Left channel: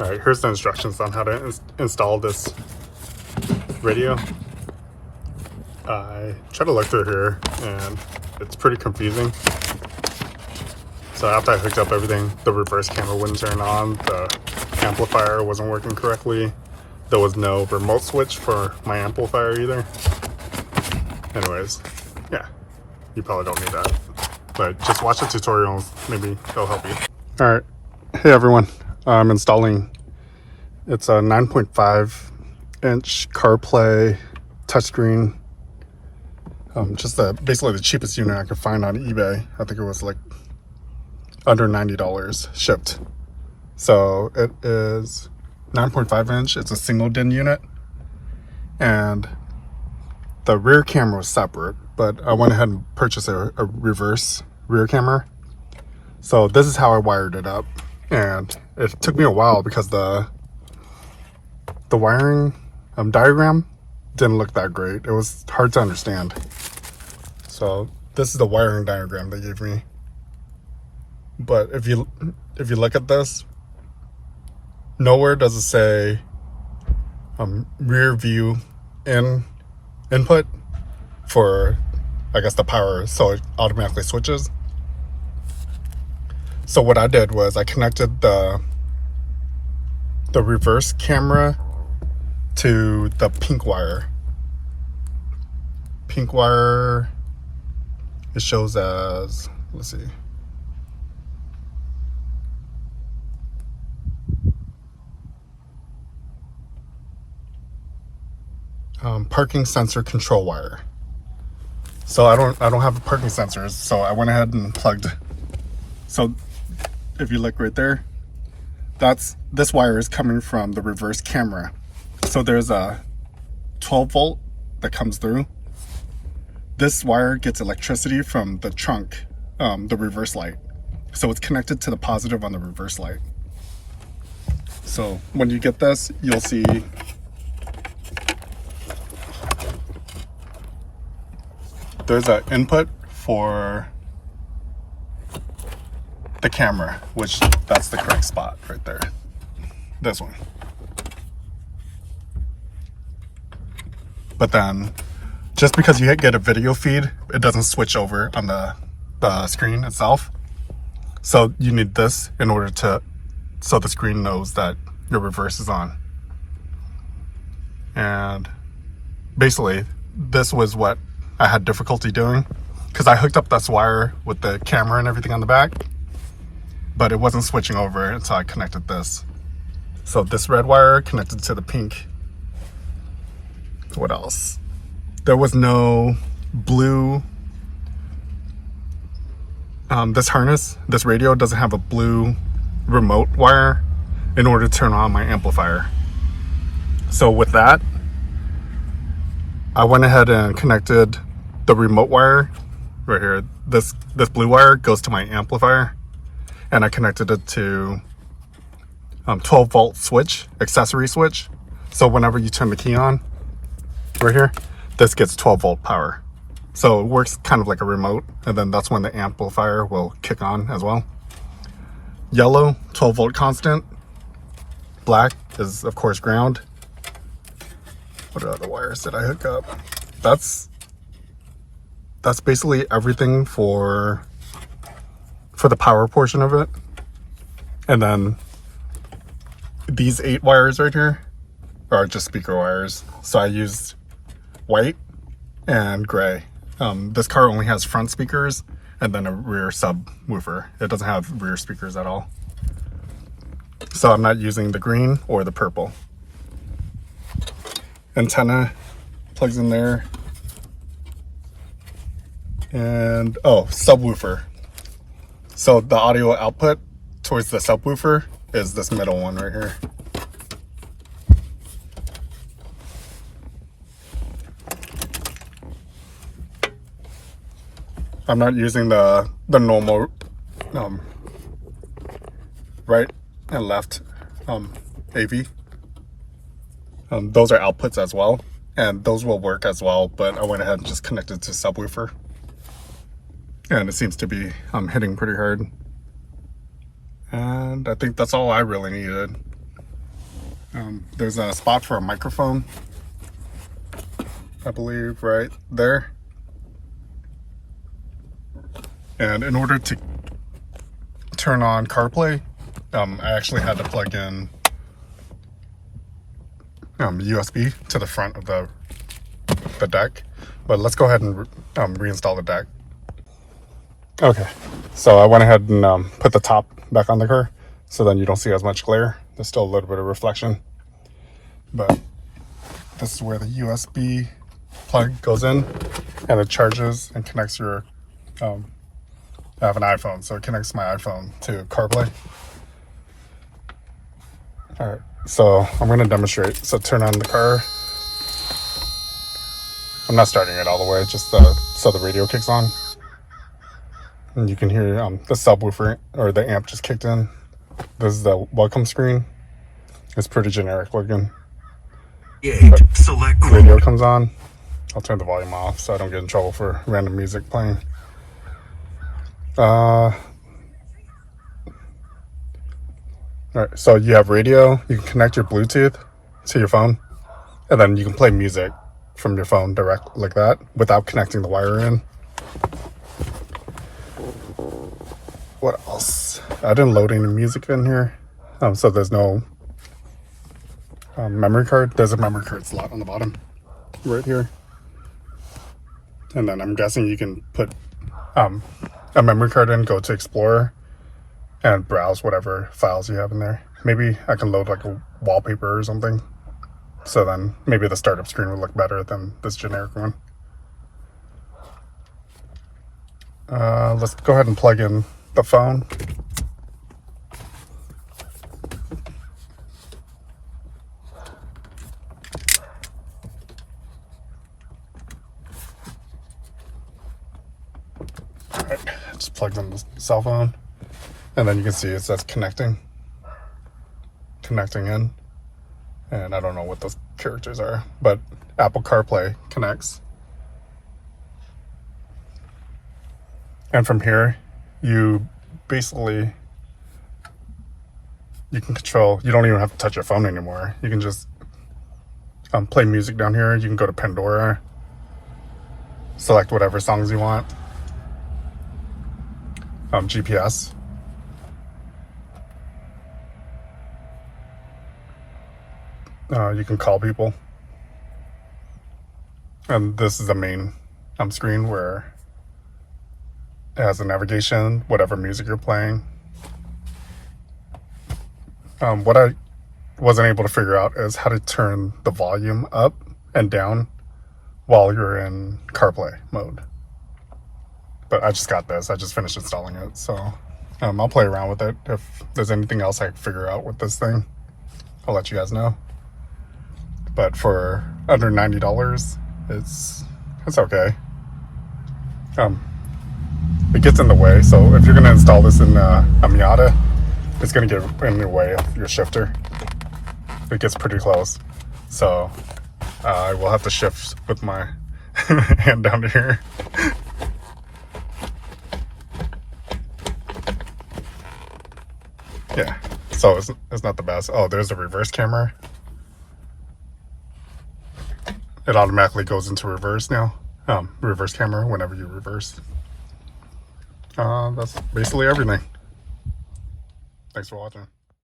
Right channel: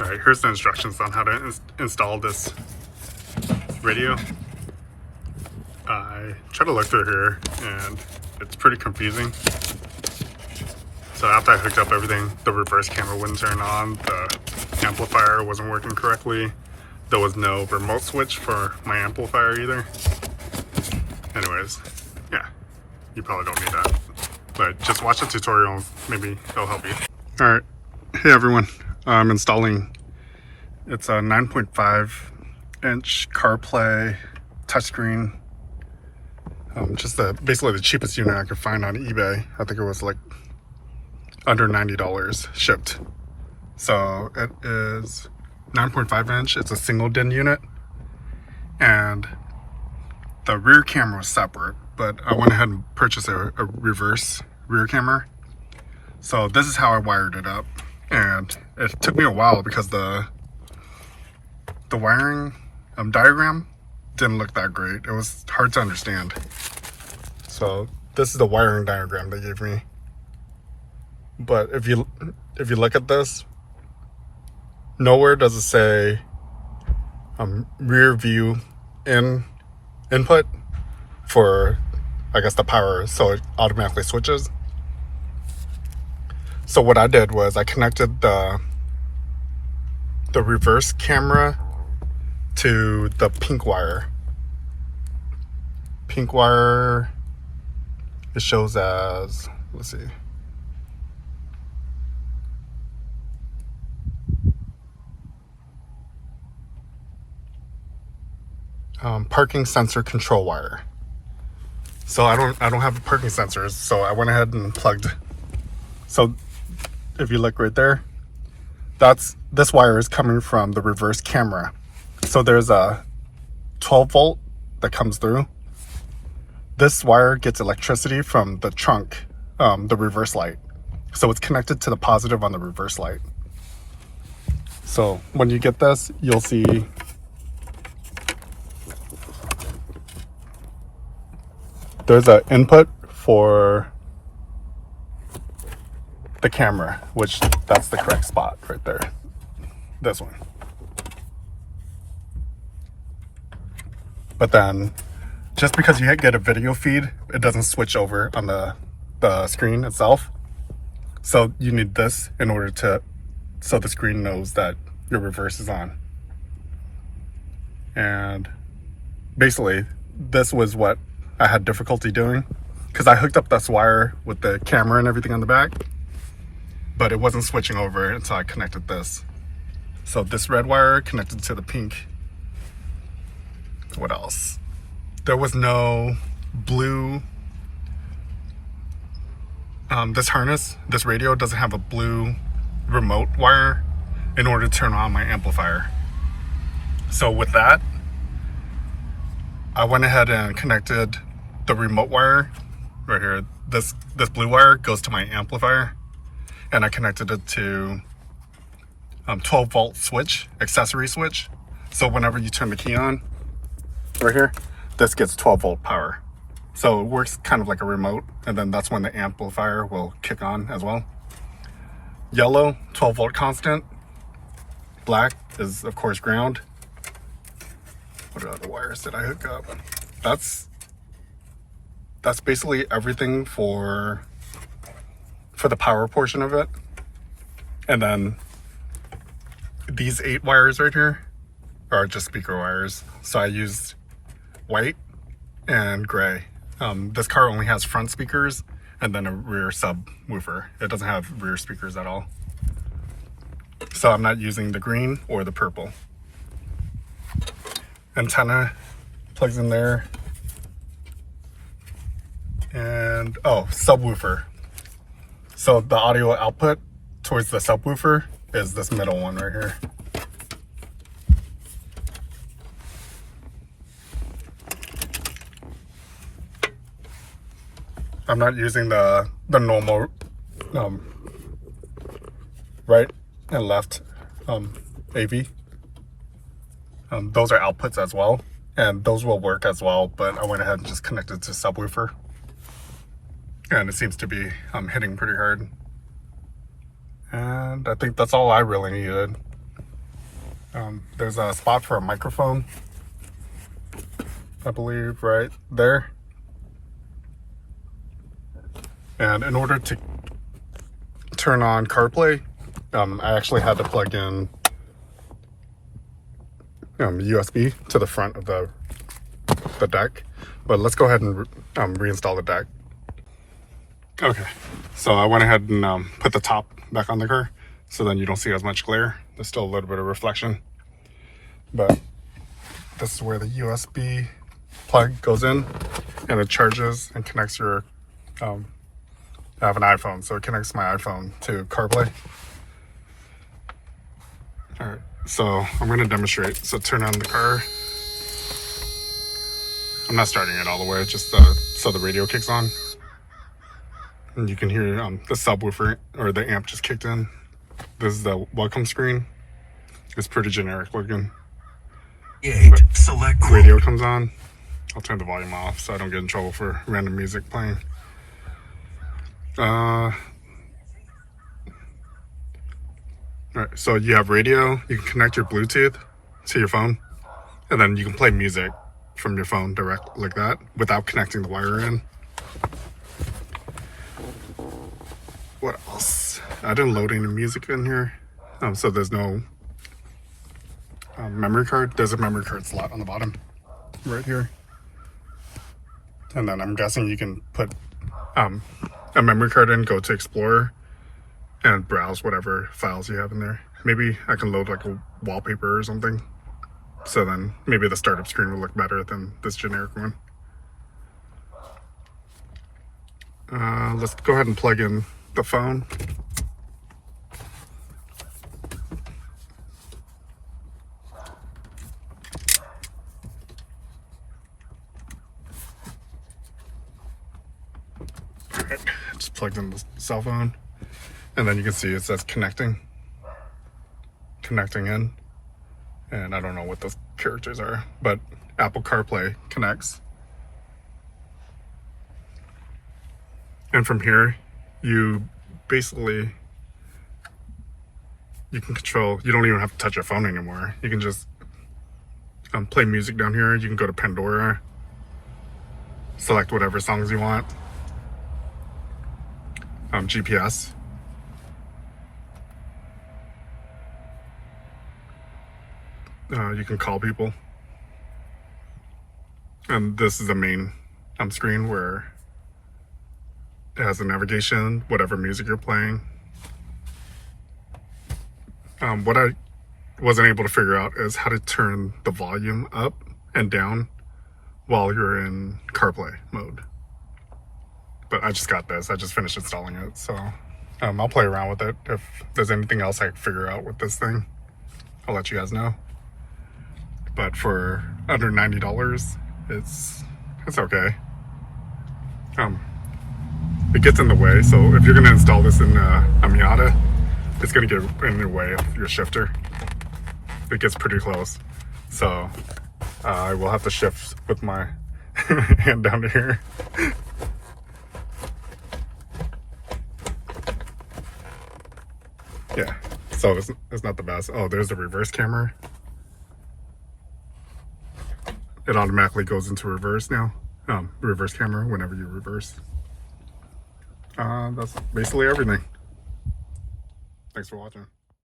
All right, here's the instructions on how to install this radio. I try to look through here and it's pretty confusing. So after I hooked up everything, the reverse camera wouldn't turn on, the amplifier wasn't working correctly, there was no remote switch for my amplifier either. Anyways, yeah, you probably don't need that, but just watch the tutorials, maybe it'll help you. All right, hey everyone, I'm installing, it's a 9.5 inch CarPlay touchscreen. Just basically the cheapest unit I could find on eBay. I think it was like under $90 shipped. So it is 9.5 inch. It's a single DIN unit, and the rear camera was separate, but I went ahead and purchased a reverse rear camera. So this is how I wired it up, and it took me a while because the wiring diagram didn't look that great. It was hard to understand. So this is the wiring diagram they gave me. But if you look at this, nowhere does it say rear view input for, I guess, the power, so it automatically switches. So what I did was I connected the reverse camera to the pink wire. Pink wire, it shows as, let's see, parking sensor control wire. So I don't have parking sensors, so I went ahead and plugged. So if you look right there, this wire is coming from the reverse camera. So there's a 12 volt that comes through. This wire gets electricity from the trunk, the reverse light. So it's connected to the positive on the reverse light. So when you get this, you'll see there's an input for the camera, which that's the correct spot right there. This one. But then just because you get a video feed, it doesn't switch over on the screen itself. So you need this in order to, so the screen knows that your reverse is on. And basically this was what I had difficulty doing, because I hooked up this wire with the camera and everything on the back, but it wasn't switching over until I connected this. So this red wire connected to the pink. What else? There was no blue. This harness, this radio doesn't have a blue remote wire in order to turn on my amplifier. So with that, I went ahead and connected the remote wire right here. This blue wire goes to my amplifier, and I connected it to 12 volt switch, accessory switch. So whenever you turn the key on right here, this gets 12 volt power. So it works kind of like a remote, and then that's when the amplifier will kick on as well. Yellow, 12 volt constant. Black is of course ground. What other wires did I hook up? That's basically everything for the power portion of it. And then these 8 wires right here are just speaker wires. So I used white and gray. This car only has front speakers and then a rear subwoofer. It doesn't have rear speakers at all. So I'm not using the green or the purple. Antenna plugs in there. And oh, subwoofer. So the audio output towards the subwoofer is this middle one right here. I'm not using the normal right and left AV. Those are outputs as well, and those will work as well, but I went ahead and just connected to subwoofer, and it seems to be hitting pretty hard. And I think that's all I really needed. There's a spot for a microphone, I believe, right there. And in order to turn on CarPlay, I actually had to plug in USB to the front of the deck. But let's go ahead and reinstall the deck. Okay, so I went ahead and put the top back on the car, so then you don't see as much glare. There's still a little bit of reflection, but this is where the USB plug goes in, and it charges and connects your I have an iPhone, so it connects my iPhone to CarPlay. All right, so I'm going to demonstrate. So turn on the car. I'm not starting it all the way, just so the radio kicks on. And you can hear the subwoofer, or the amp just kicked in. This is the welcome screen. It's pretty generic looking. Select radio comes on. I'll turn the volume off so I don't get in trouble for random music playing. Alright, so you have radio. You can connect your Bluetooth to your phone, and then you can play music from your phone direct like that without connecting the wire in. What else? I didn't load any music in here, so there's no memory card. There's a memory card slot on the bottom right here, and then I'm guessing you can put a memory card in, go to Explorer, and browse whatever files you have in there. Maybe I can load like a wallpaper or something, so then maybe the startup screen will look better than this generic one. Let's go ahead and plug in the phone. Alright, just plugs in the cell phone, and then you can see it says connecting in, and I don't know what those characters are, but Apple CarPlay connects. And from here, you basically, you can control, you don't even have to touch your phone anymore. You can just play music down here. You can go to Pandora, select whatever songs you want. GPS. You can call people. And this is the main screen where it has the navigation, whatever music you're playing. What I wasn't able to figure out is how to turn the volume up and down while you're in CarPlay mode. But I just got this. I just finished installing it, so I'll play around with it. If there's anything else I can figure out with this thing, I'll let you guys know. But for under $90, it's okay. It gets in the way, so if you're going to install this in a Miata, it's going to get in the way of your shifter. It gets pretty close, so I will have to shift with my hand down to here. Yeah, so it's not the best. Oh, there's the reverse camera. It automatically goes into reverse now. Reverse camera whenever you reverse. That's basically everything. Thanks for watching.